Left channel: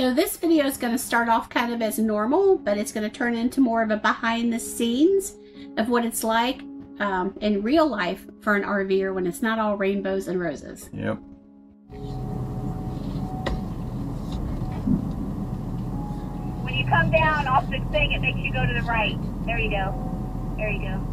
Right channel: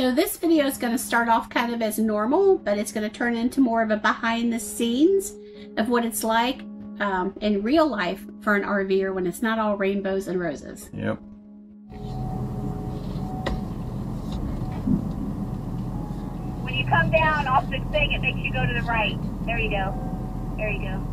So this video is going to start off kind of as normal, but it's going to turn into more of a behind the scenes of what it's like in real life for an RVer when it's not all rainbows and roses. Yep. When you come down off the thing, it makes you go to the right. There you go. There you go.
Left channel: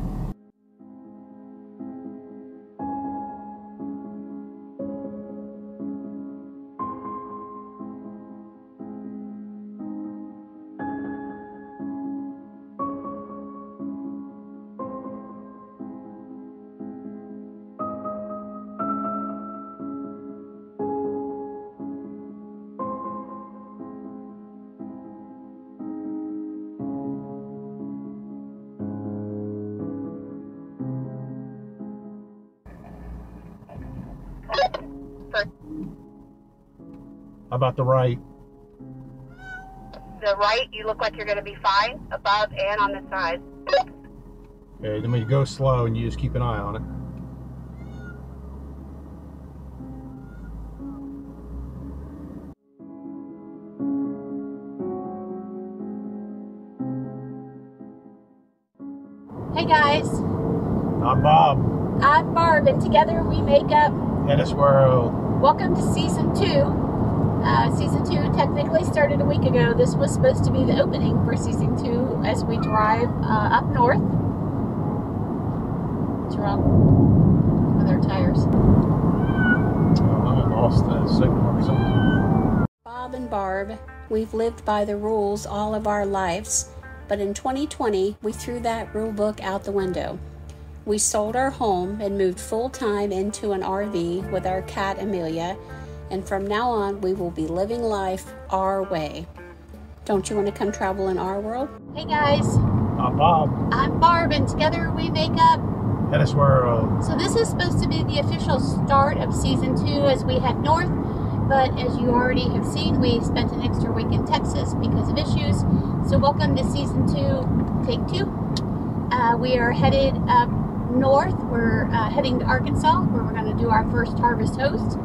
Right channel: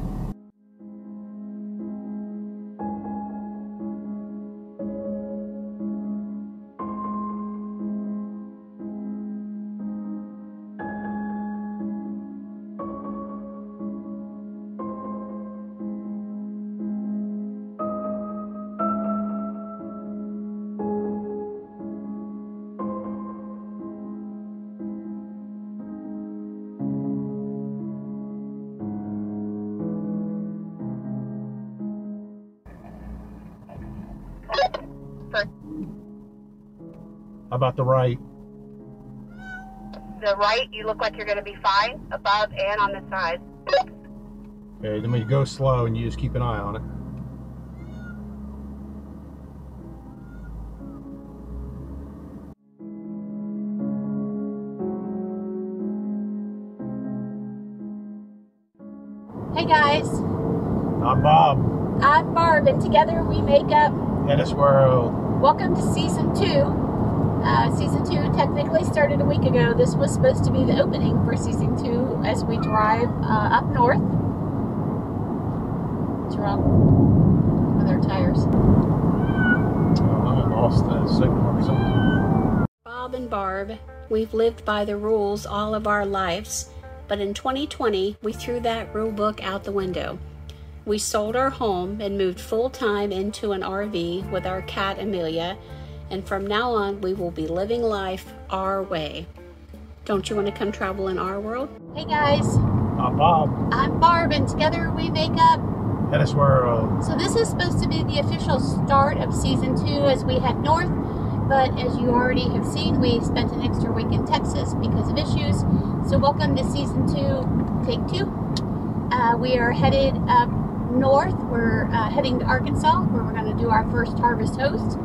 How about the right? The right, you look like you're going to be fine, above and on the side. Okay, then we go slow and you just keep an eye on it. Hey guys, I'm Bob. I'm Barb, and together we make up HetteshWorld. Welcome to Season 2. Season 2 technically started a week ago. This was supposed to be the opening for Season 2 as we drive up north. What's wrong with our tires? I lost the signal or something. Bob and Barb, we've lived by the rules all of our lives, but in 2020 we threw that rule book out the window. We sold our home and moved full-time into an RV with our cat Amelia, and from now on we will be living life our way. Don't you want to come travel in our world? Hey guys, I'm Bob. I'm Barb, and together we make up HetteshWorld. So this is supposed to be the official start of Season 2 as we head north, but as you already have seen, we spent an extra week in Texas because of issues. So welcome to Season 2, Take 2. We are headed up north. We're heading to Arkansas, where we're going to do our first Harvest Host,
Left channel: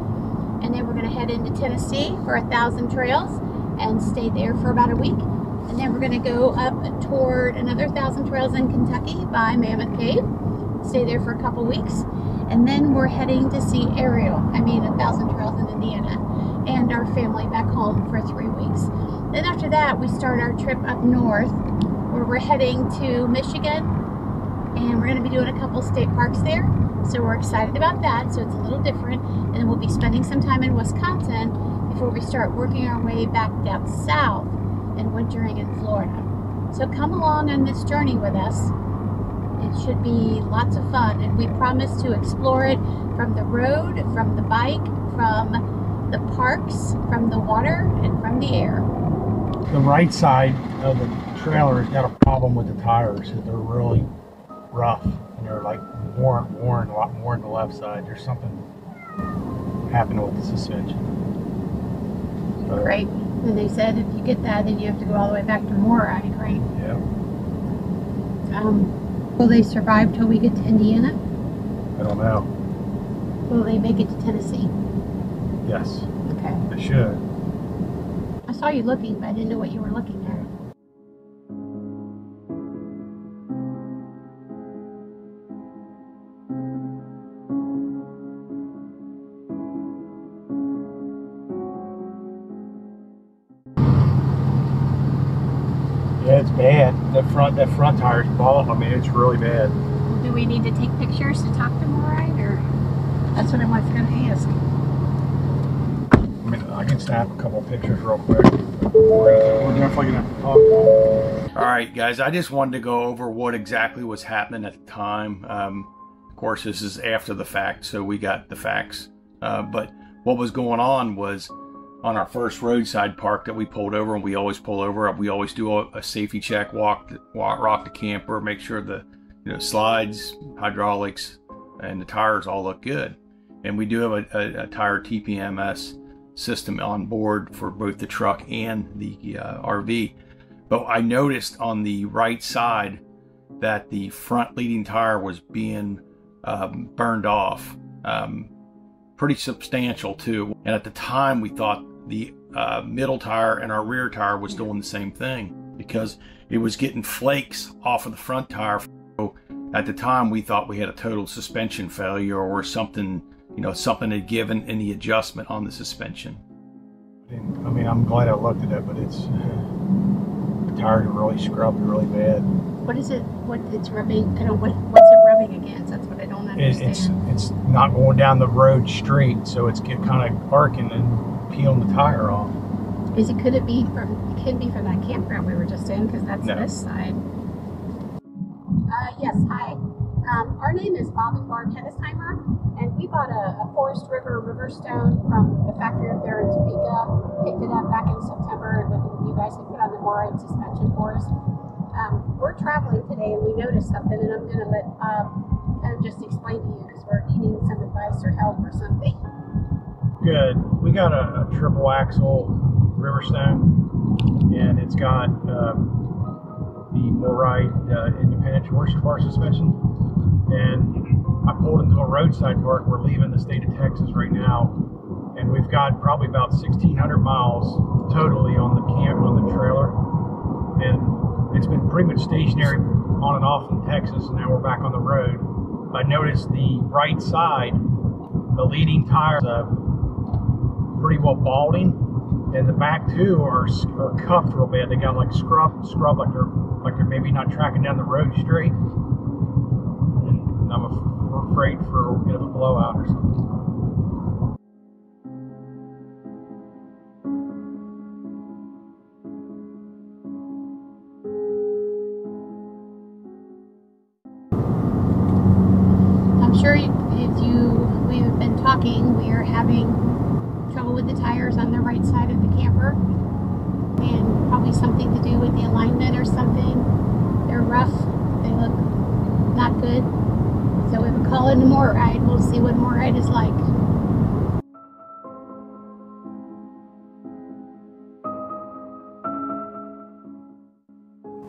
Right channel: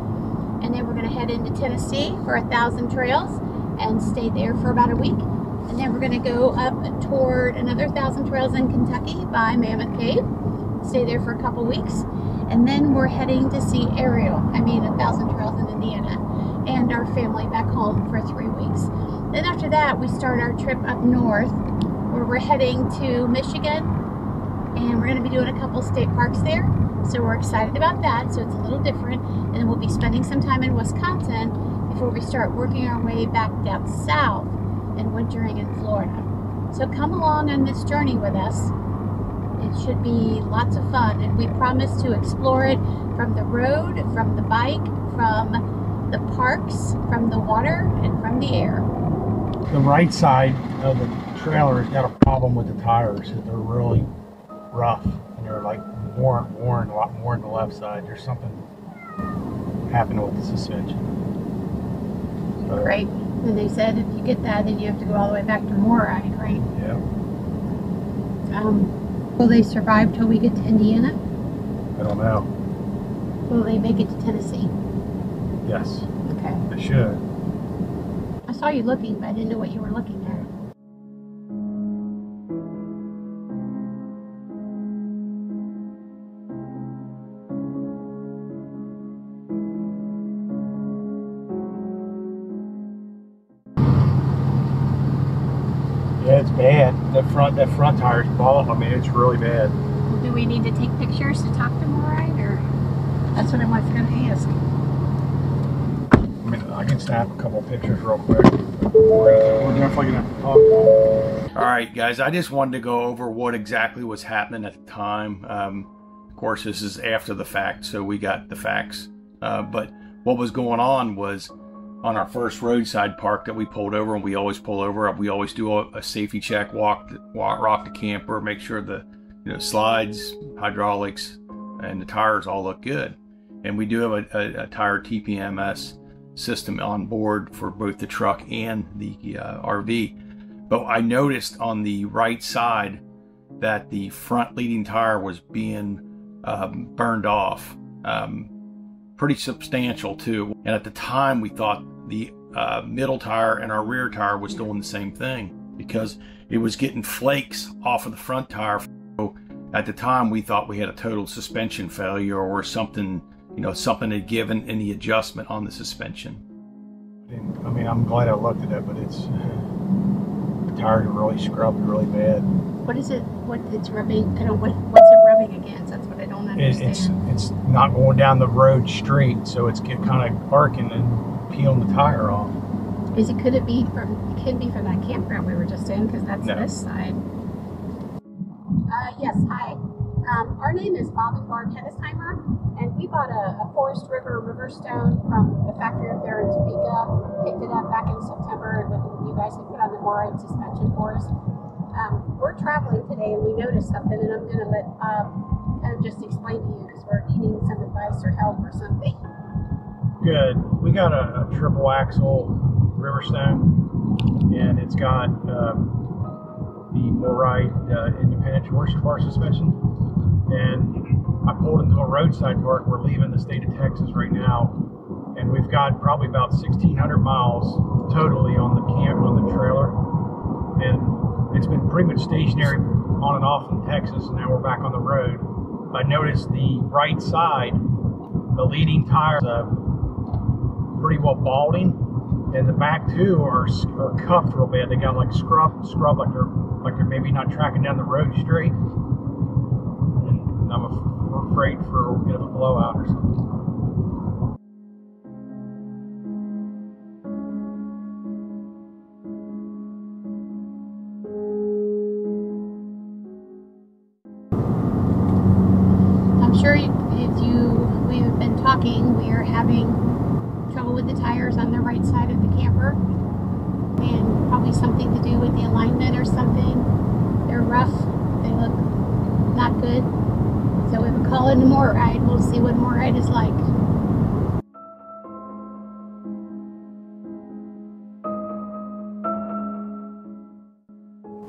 and then we're going to head into Tennessee for 1,000 Trails and stay there for about a week, and then we're going to go up toward another 1,000 Trails in Kentucky by Mammoth Cave, stay there for a couple weeks, and then we're heading to see 1,000 Trails in Indiana, and our family back home for 3 weeks. Then after that, we start our trip up north, where we're heading to Michigan, and we're going to be doing a couple state parks there, so we're excited about that. So it's a little different, and then we'll be spending some time in Wisconsin before we start working our way back down south and wintering in Florida. So come along on this journey with us. It should be lots of fun, and we promise to explore it from the road, from the bike, from the parks, from the water, and from the air. The right side of the trailer has got a problem with the tires. They're really rough, and they're like worn a lot more than the left side. There's something happening with the suspension. So, Great. And they said if you get that, then you have to go all the way back to MORryde, right? yeah. Will they survive till we get to Indiana? I don't know. Will they make it to Tennessee? Yes, Okay. they should. I saw you looking, but I didn't know what you were looking at. Yeah, it's bad. That front tire's off. I mean, it's really bad. Do we need to take pictures to talk to MORryde, or that's what I was going to ask? I mean, I can snap a couple pictures real quick. We're definitely gonna have to talk. All right, guys. I just wanted to go over what exactly was happening at the time. Of course, this is after the fact, so we got the facts. But what was going on was, on our first roadside park that we pulled over, and we always pull over, we always do a safety check, rock the camper, make sure the slides, hydraulics, and the tires all look good. And we do have a tire TPMS system on board for both the truck and the RV. But I noticed on the right side that the front leading tire was being burned off, pretty substantial too. And at the time we thought the middle tire and our rear tire was doing the same thing, because it was getting flakes off of the front tire. So at the time we thought we had a total suspension failure or something, you know, something had given in the adjustment on the suspension. I mean, I'm glad I looked at it, but it's the tires are really scrubbed really bad. What is it? What it's rubbing? I don't. What's it rubbing against? That's what I don't understand. It's not going down the road straight, so it's get kind of arcing and peeling the tire off. Is it? Could it be from? It could be from that campground we were just in, because that's No. this side. Yes. Hi. Our name is Bob and Barb Hettesheimer, and we bought a Forest River Riverstone from the factory up there in Topeka. Picked it up back in September when you guys had put on the MORryde suspension for us. We're traveling today, and we noticed something, and I'm going to let kind of just explain to you, because we're needing some advice or help or something. Good. We got a triple axle Riverstone, and it's got the MORryde independent torsion bar suspension. And I pulled into a roadside park. We're leaving the state of Texas right now, and we've got probably about 1,600 miles totally on the trailer, and it's been pretty much stationary on and off in Texas, and now we're back on the road. I noticed the right side, the leading tire is pretty well balding, and the back two are cuffed real bad. They got like scrub like they're maybe not tracking down the road straight. And I'm afraid for a bit of a blowout or something. I'm sure we've been talking, we are having trouble with the tires on the right side of the camper, and probably something to do with the alignment or something. They're rough, they look not good. So we would call it a MORryde. We'll see what MORryde is like.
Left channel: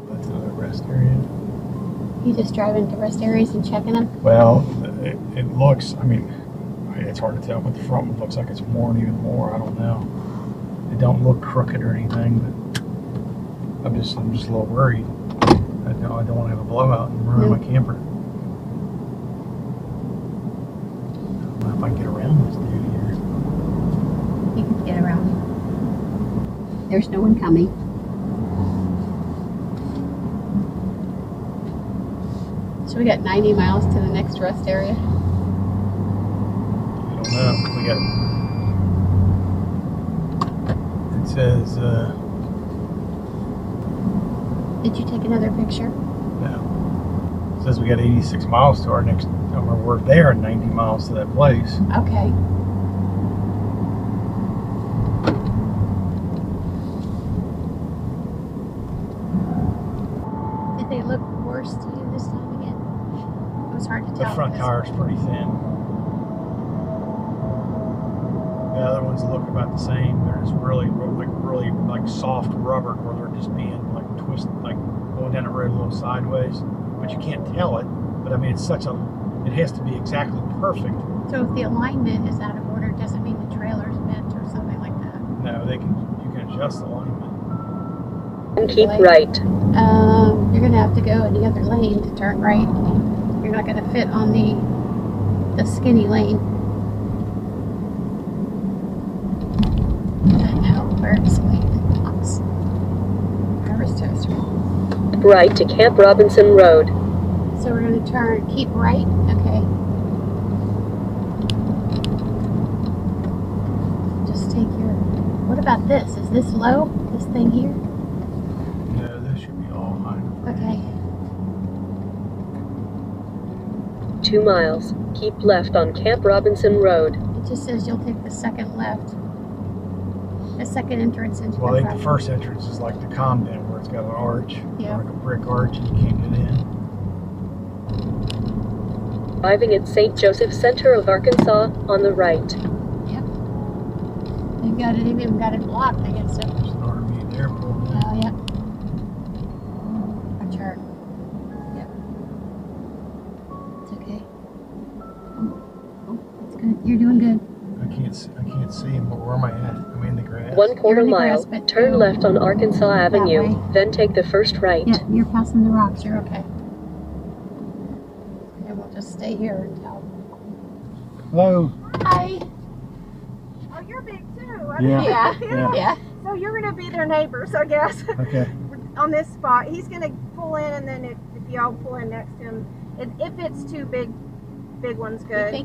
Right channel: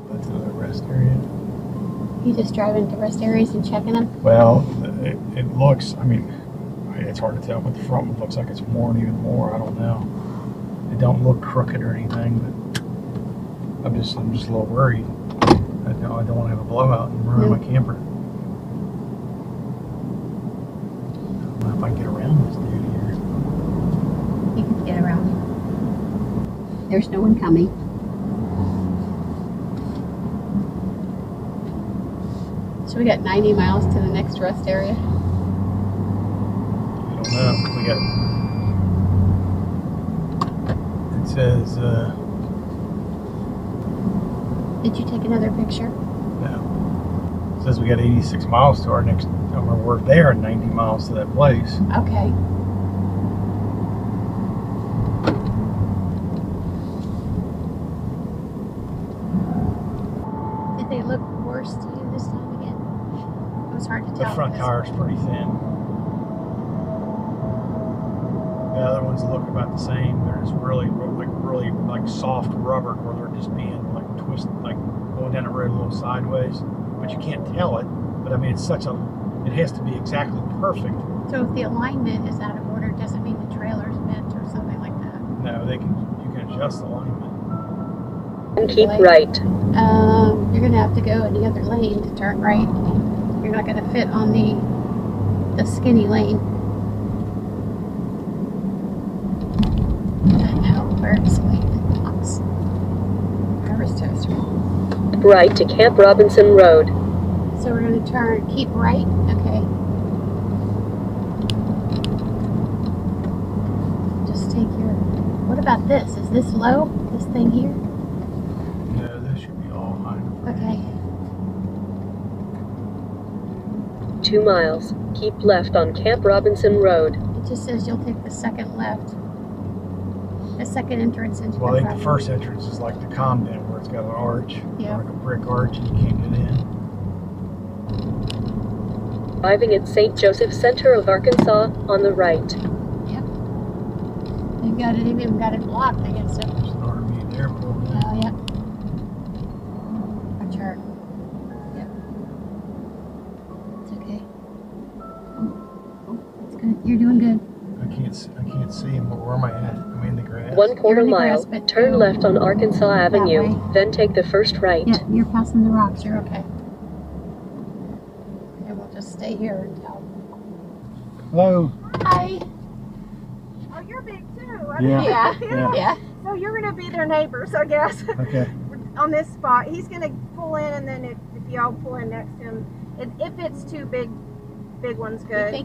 That's another rest area. You just driving to rest areas and checking them? Well, it looks, I mean, it's hard to tell, but the front one looks like it's worn even more. I don't know. It don't look crooked or anything, but I'm just a little worried. I don't want to have a blowout and ruin my camper. I don't know if I can get around this dude here. You can get around. There's no one coming. So we got 90 miles to the next rest area. I don't know. We got, it says, Did you take another picture? no. It says we got 86 miles to our next, we're there and 90 miles to that place. Okay. Did they look worse to you this time again? It was hard to tell. The front tire's pretty thin. The other ones look about the same. They're just really soft rubber, where they're just being like twisted, like going down the road a little sideways. But you can't tell it. But I mean, it has to be exactly perfect. So if the alignment is out of order, it doesn't mean the trailer's bent or something like that. No, you can adjust the alignment. And keep right. You're gonna have to go in the other lane to turn right. You're not gonna fit on the skinny lane. I know, where's my box? Driver's toaster. Right to Camp Robinson Road. So we're gonna keep right, okay. Just take what about this? Is this low? This thing here? No, this should be all fine. Okay. 2 miles. Keep left on Camp Robinson Road. It just says you'll take the second left. The second entrance into Well, the I think property. the first entrance is like the Comden, where it's got an arch, Yeah. like a brick arch, and you can't get in. Arriving at St. Joseph Center of Arkansas on the right. Yep. They've even got it blocked against it. Army Airport. Oh, yep. Our chart. Yep. It's okay. Oh, that's good. You're doing good. I can't see him, but where am I at? I'm in the grass. 1/4 mile, turn left on Arkansas Avenue, then take the first right. Yeah, you're passing the rocks. You're okay. And we'll just stay here until. Hello. Hi. Oh, you're big too. Yeah. So you're going to be their neighbors, I guess. Okay. On this spot. He's going to pull in, and then if y'all pull in next to him, if it's too big one's good. Do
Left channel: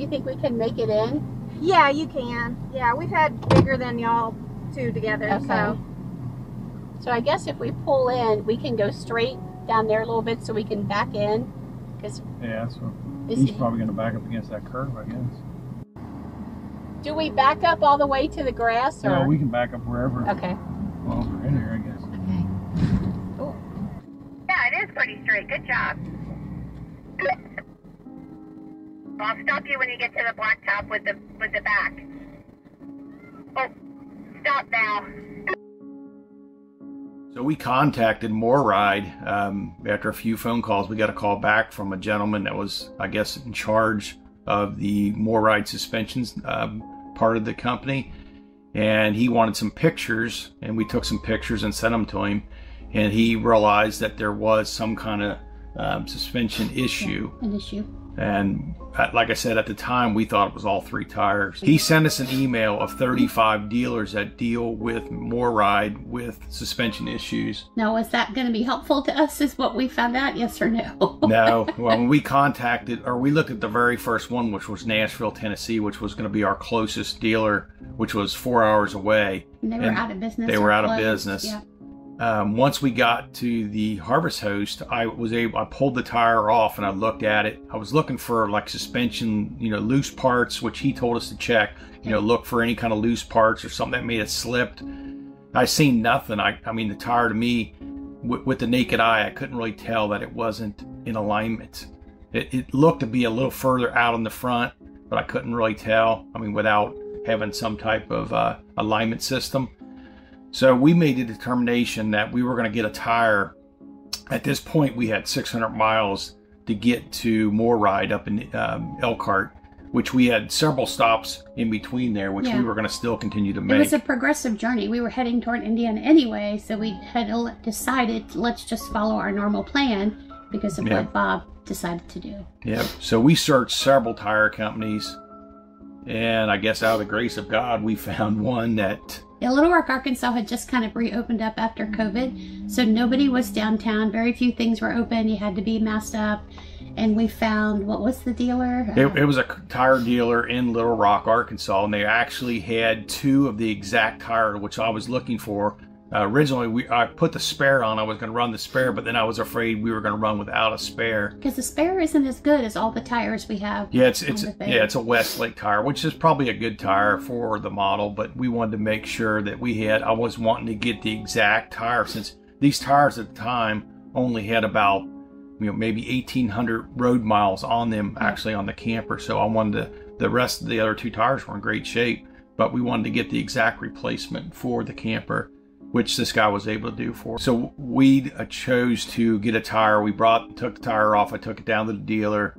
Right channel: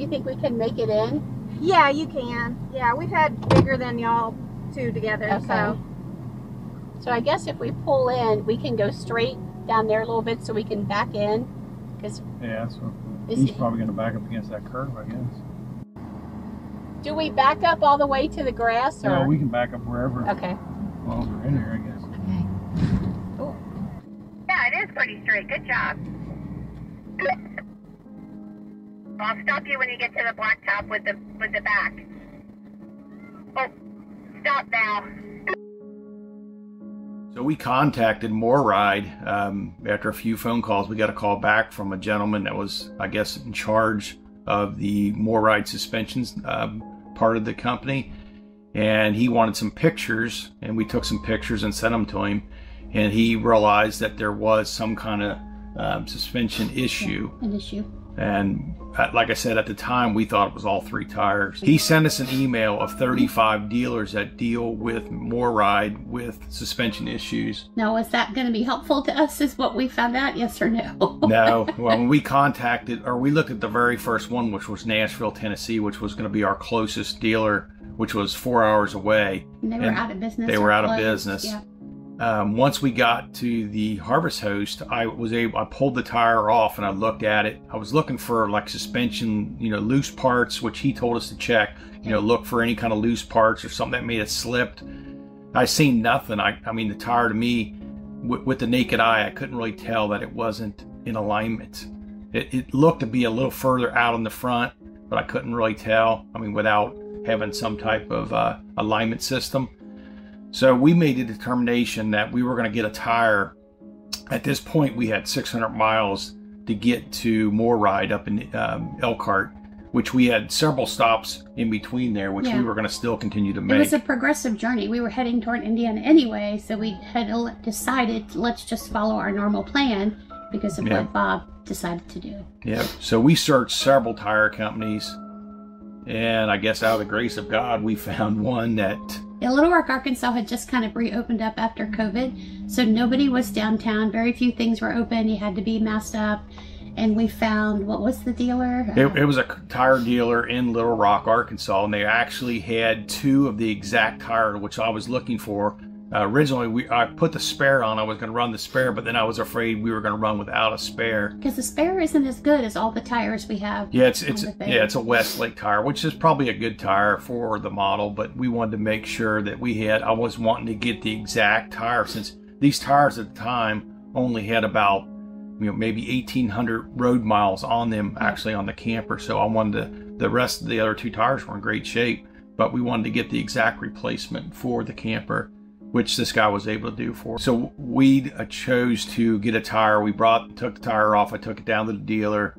you think we can make it in? Yeah, you can. Yeah, we've had bigger than y'all two together. Okay. So I guess if we pull in, we can go straight down there a little bit so we can back in. Yeah, so he's probably going to back up against that curve, I guess. Do we back up all the way to the grass? Or? No, we can back up wherever. Okay. Well, we're in here, I guess. Okay. Cool. Yeah, it is pretty straight. Good job. I'll stop you when you get to the blacktop with the back. Oh, stop now. So we contacted MORryde. After a few phone calls, we got a call back from a gentleman that was, I guess, in charge of the MORryde suspensions part of the company. And he wanted some pictures, and we took some pictures and sent them to him. And he realized that there was some kind of suspension issue. An issue. And like I said, at the time, we thought it was all 3 tires. He sent us an email of 35 dealers that deal with MORryde with suspension issues. Now, is that going to be helpful to us, is what we found out, yes or no? No. Well, when we contacted, or we looked at the very first one, which was Nashville, Tennessee, which was going to be our closest dealer, which was 4 hours away. And they were out of business. They were out of business. Yeah. Once we got to the harvest host, I pulled the tire off and I looked at it. I was looking for like suspension, loose parts, which he told us to check, look for any kind of loose parts or something that may have slipped. I seen nothing. I mean, the tire to me, with the naked eye, I couldn't really tell that it wasn't in alignment. It looked to be a little further out in the front, but I couldn't really tell. I mean, without having some type of alignment system. So we made a determination that we were going to get a tire. At this point, we had 600 miles to get to MORryde up in Elkhart, which we had several stops in between there, which we were going to still continue to make. It was a progressive journey. We were heading toward Indiana anyway, so we had decided, let's just follow our normal plan because of what Bob decided to do. Yeah. So we searched several tire companies, and I guess out of the grace of God, we found one that... Yeah, Little Rock, Arkansas had just kind of reopened up after COVID, so nobody was downtown. Very few things were open. You had to be masked up. And we found, what was the dealer? It was a tire dealer in Little Rock, Arkansas, and they actually had 2 of the exact tire, which I was looking for. Originally, I put the spare on. I was going to run the spare, but then I was afraid we were going to run without a spare. Because the spare isn't as good as all the tires we have. Yeah, it's a Westlake tire, which is probably a good tire for the model, but we wanted to make sure that I was wanting to get the exact tire, since these tires at the time only had about maybe 1,800 road miles on them, actually, on the camper. So I wanted the rest of the other 2 tires were in great shape, but we wanted to get the exact replacement for the camper, which this guy was able to do for us. So we chose to get a tire. We took the tire off. I took it down to the dealer.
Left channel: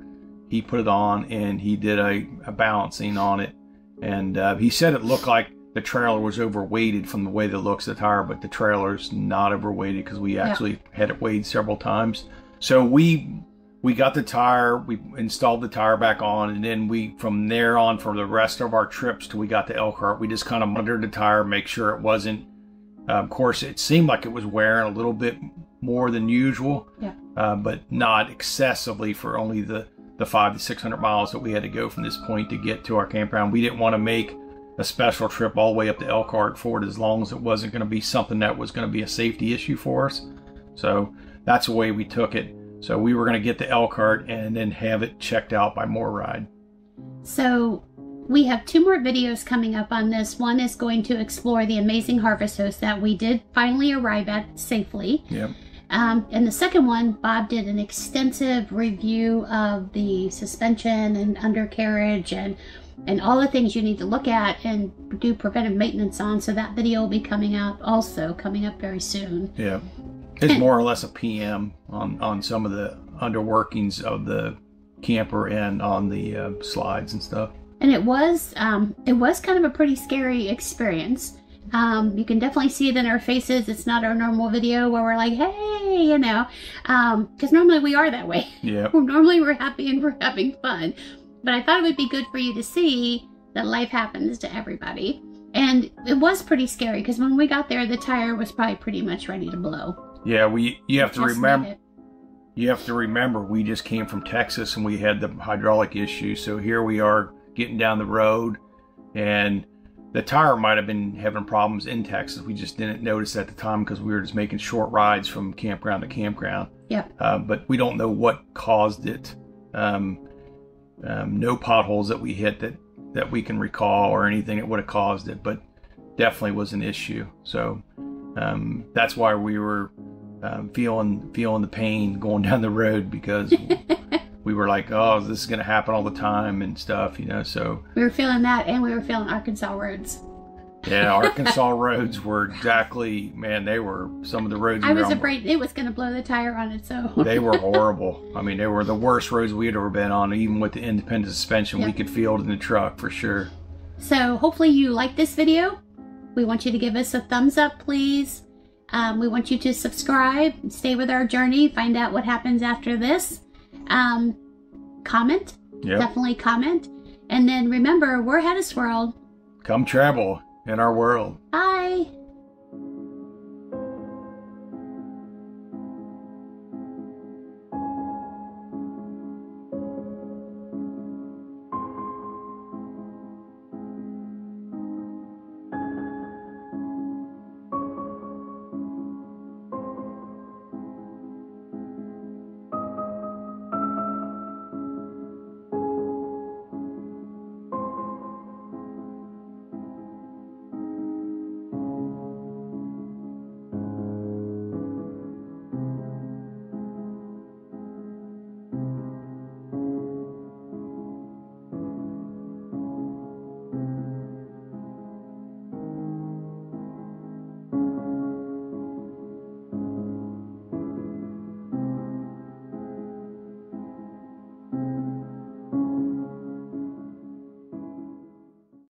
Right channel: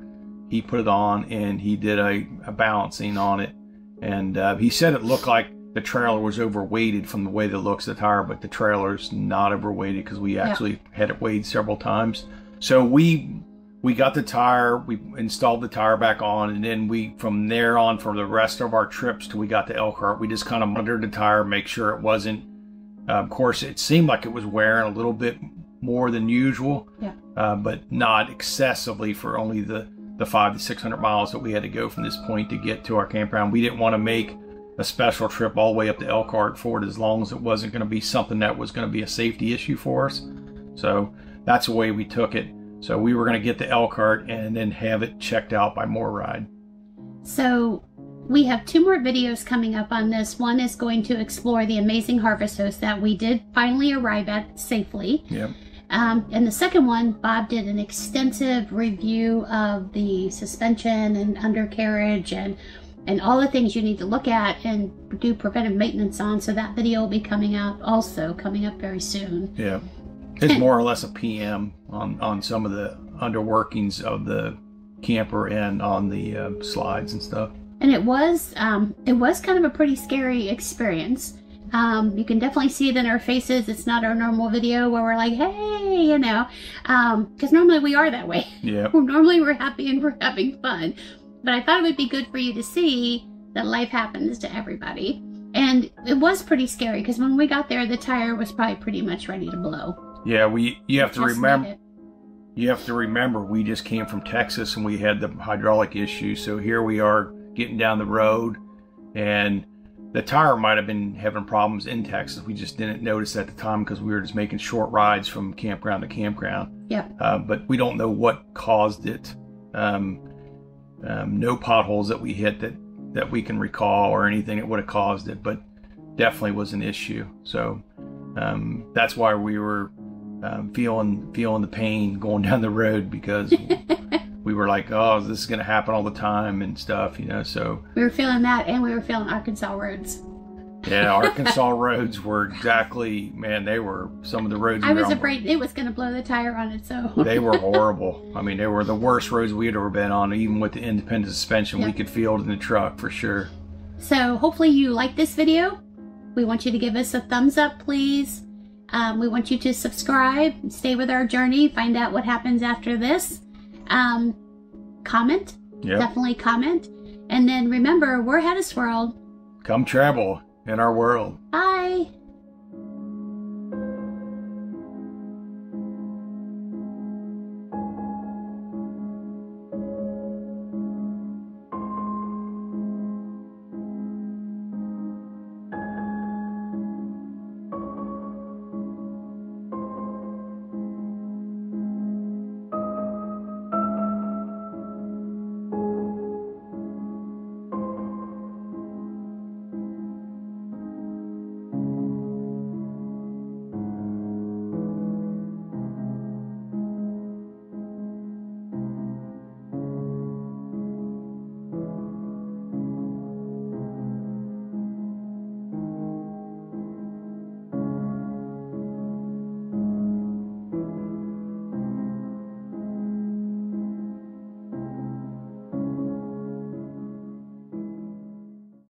He put it on, and he did a balancing on it. And he said it looked like the trailer was overweighted from the way that looks of the tire, but the trailer's not overweighted because we actually had it weighed several times. So we got the tire, we installed the tire back on, and then from there on, for the rest of our trips till we got to Elkhart, we just kind of monitored the tire, make sure it wasn't, of course, it seemed like it was wearing a little bit more than usual, but not excessively for only the 500 to 600 miles that we had to go from this point to get to our campground. We didn't want to make a special trip all the way up to Elkhart for it, as long as it wasn't going to be something that was going to be a safety issue for us. So that's the way we took it. So we were going to get to Elkhart and then have it checked out by MORryde. So we have 2 more videos coming up on this. One is going to explore the amazing harvest host that we did finally arrive at safely. Yep. And the second one, Bob did an extensive review of the suspension and undercarriage and all the things you need to look at and do preventive maintenance on. So that video will be coming up very soon. Yeah. It's more or less a PM on some of the underworkings of the camper and on the slides and stuff. And it was kind of a pretty scary experience. You can definitely see it in our faces. It's not our normal video where we're like, hey, you know, because normally we are that way. Yeah. Normally we're happy and we're having fun. But I thought it would be good for you to see that life happens to everybody. And it was pretty scary because when we got there, the tire was probably pretty much ready to blow. Yeah, you have to remember. You have to remember, we just came from Texas and we had the hydraulic issue. So here we are getting down the road, and the tire might have been having problems in Texas. We just didn't notice at the time because we were just making short rides from campground to campground. Yep. But we don't know what caused it. No potholes that we hit that we can recall or anything that would have caused it, but definitely was an issue. So that's why we were feeling the pain going down the road, because we were like, oh, this is going to happen all the time and stuff, you know. So we were feeling that, and we were feeling Arkansas roads. Yeah, Arkansas roads were exactly, man, they were some of the roads. I was afraid it was going to blow the tire on its own. They were horrible. I mean, they were the worst roads we had ever been on. Even with the independent suspension, we could feel it in the truck for sure. So hopefully you like this video. We want you to give us a thumbs up, please. We want you to subscribe, stay with our journey, find out what happens after this. Comment. Definitely comment. And then remember, we're HetteshWorld. Come travel in our world. Bye.